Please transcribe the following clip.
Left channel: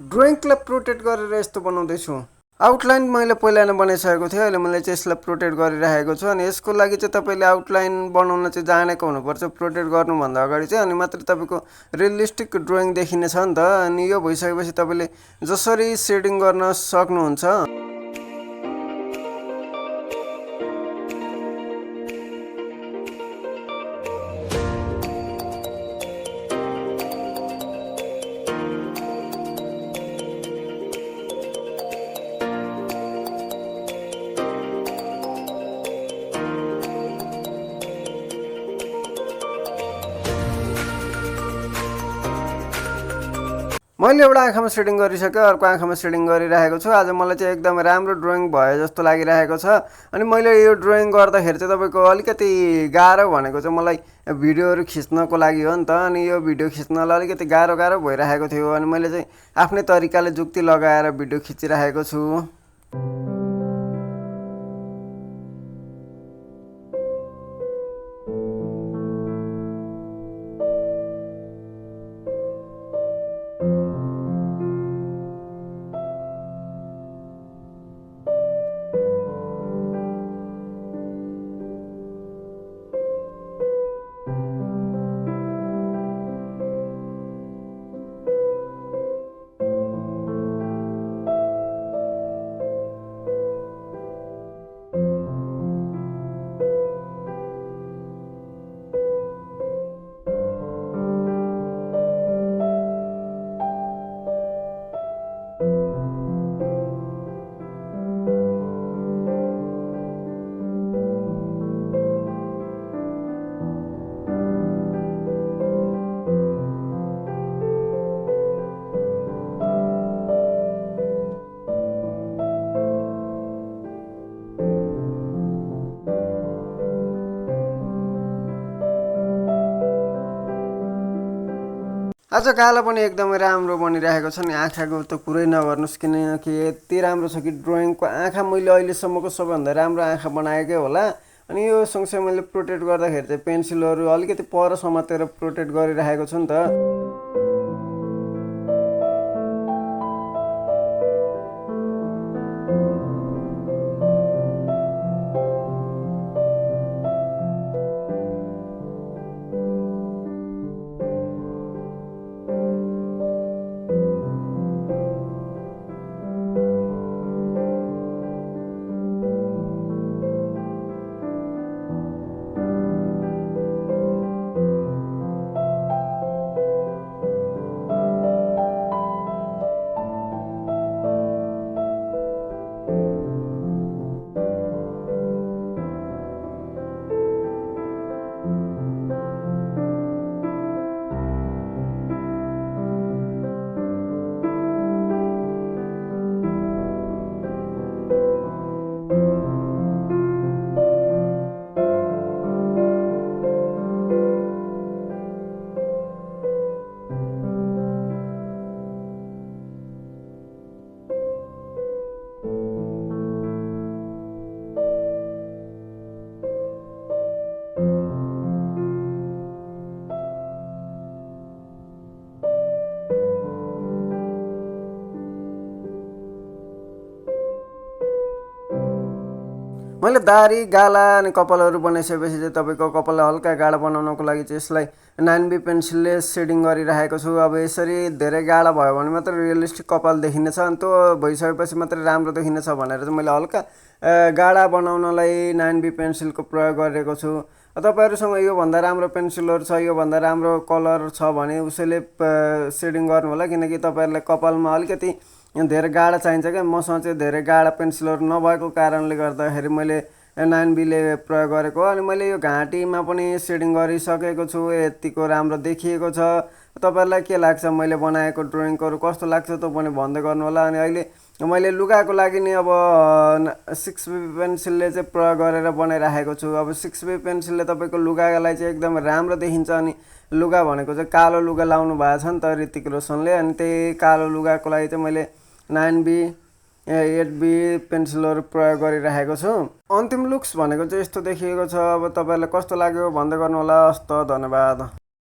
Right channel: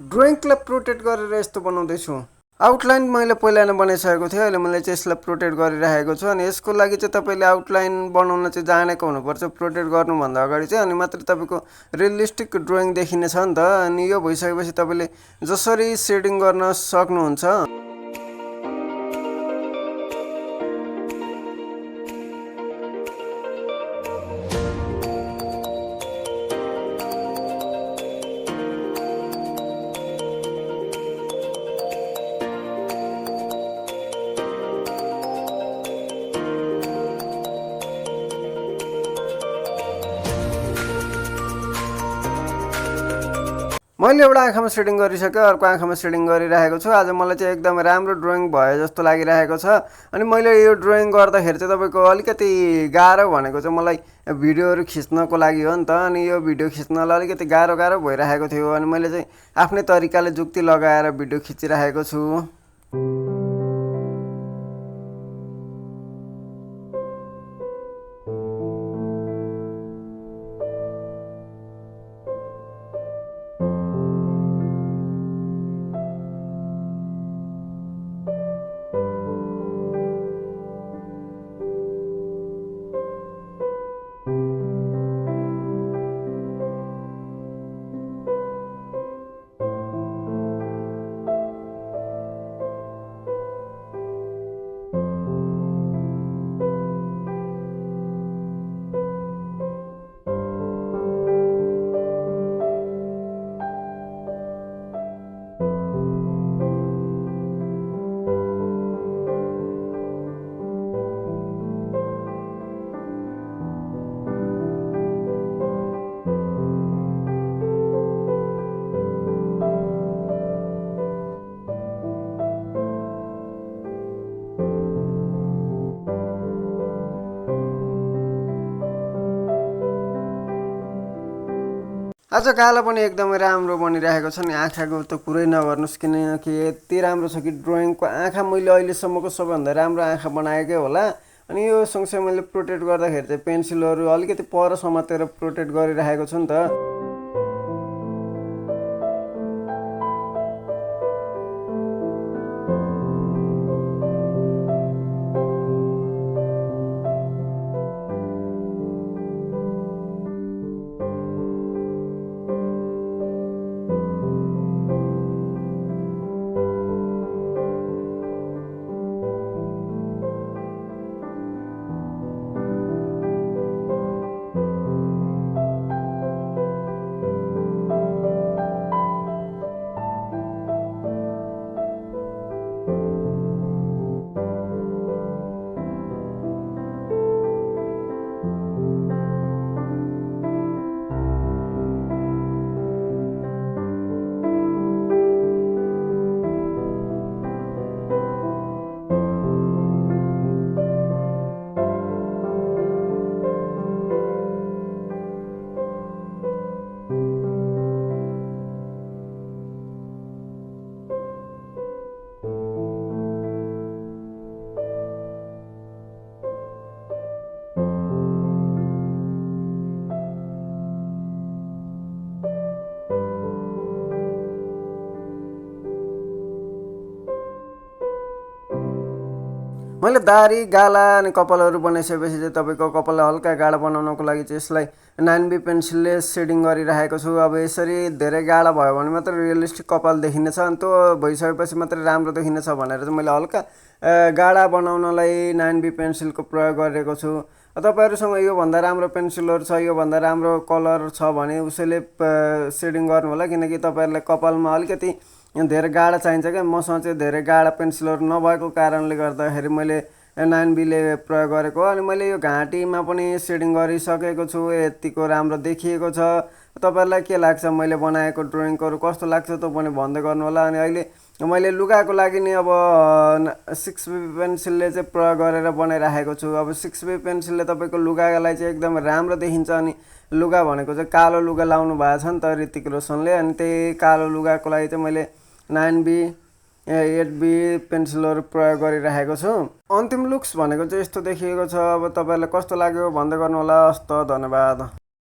ड्रइङलाई protect गरेर यस्तो बनाउँदैछु। आउटलाइन मैले पहिला नै बनाइसकेको थिएँ, अहिले मैले चाहिँ यसलाई प्रोटेक्ट गरिराखेको छु। अनि यसको लागि चाहिँ तपाईँले आउटलाइन बनाउन चाहिँ जानेको हुनुपर्छ प्रोटेक्ट गर्नुभन्दा अगाडि चाहिँ, अनि मात्रै तपाईँको रियलिस्टिक ड्रइङ देखिने छ नि त। अनि यो भइसकेपछि तपाईँले जसरी सेडिङ गर्न सक्नुहुन्छ। मैले एउटा आँखामा सेडिङ गरिसकेँ, अर्को आँखामा सेडिङ गरिरहेको छु। आज मलाई चाहिँ एकदम राम्रो ड्रइङ भयो जस्तो लागिरहेको छ। अनि मैले यो ड्रइङ गर्दाखेरि चाहिँ तपाईँको अलिकति गाह्रो भनेको चाहिँ मलाई भिडियोहरू खिच्नको लागि हो नि त। अनि यो भिडियो खिच्नलाई अलिकति गाह्रो भइरहेको थियो। अनि मैले चाहिँ आफ्नै तरिकाले जुक्ति लगाएर भिडियो खिचिरहेको छु। आज गाला पनि एकदमै राम्रो बनिरहेको छ नि। आँखाको त कुरै नगर्नुहोस्, किनकि यति राम्रो छ कि ड्रइङको आँखा मैले अहिलेसम्मको सबैभन्दा राम्रो आँखा बनाएकै होला। अनि यो सँगसँगै मैले प्रोटेक्ट गर्दाखेरि चाहिँ पेन्सिलहरू अलिकति पर समातेर प्रोटेक्ट गरिरहेको छु नि त। मैले दारी गाला अनि कपालहरू बनाइसकेपछि चाहिँ तपाईँको कपाललाई हल्का गाढा बनाउनको लागि चाहिँ यसलाई 9B पेन्सिलले सेडिङ गरिरहेको छु। अब यसरी धेरै गाढा भयो भने मात्र रियलिस्टिक कपाल देखिनेछ, अनि त्यो भइसकेपछि मात्रै राम्रो देखिनेछ भनेर चाहिँ मैले हल्का गाढा बनाउनलाई 9B पेन्सिलको प्रयोग गरेको छु। तपाईँहरूसँग योभन्दा राम्रो पेन्सिलहरू छ, योभन्दा राम्रो कलर छ भने उसैले सेडिङ गर्नु होला, किनकि तपाईँहरूलाई कपालमा अलिकति धेरै गाढा चाहिन्छ क्या। मसँग चाहिँ धेरै गाढा पेन्सिलहरू नभएको कारणले गर्दाखेरि मैले 9Bले प्रयोग गरेको हो। अनि मैले यो घाँटीमा पनि सेडिङ गरिसकेको छु, यतिको राम्रो देखिएको छ। तपाईँहरूलाई के लाग्छ, मैले बनाएको ड्रइङहरू कस्तो लाग्छ त्यो पनि भन्दै गर्नु होला। अनि अहिले मैले लुगाको लागि नि अब 6B पेन्सिलले चाहिँ प्रयोग गरेर बनाइराखेको छु। अब 6B पेन्सिलले तपाईँको लुगालाई चाहिँ एकदम राम्रो देखिन्छ। अनि लुगा भनेको चाहिँ कालो लुगा लाउनु भएको छ नि त ऋतिक रोशनले, अनि त्यही कालो लुगाको लागि चाहिँ मैले 9B 8B पेन्सिलहरू प्रयोग गरिराखेको छु। अन्तिम लुक्स भनेको चाहिँ यस्तो देखिएको छ। अब तपाईँहरूलाई कस्तो लाग्यो भन्दै गर्नु होला। हस्त, धन्यवाद।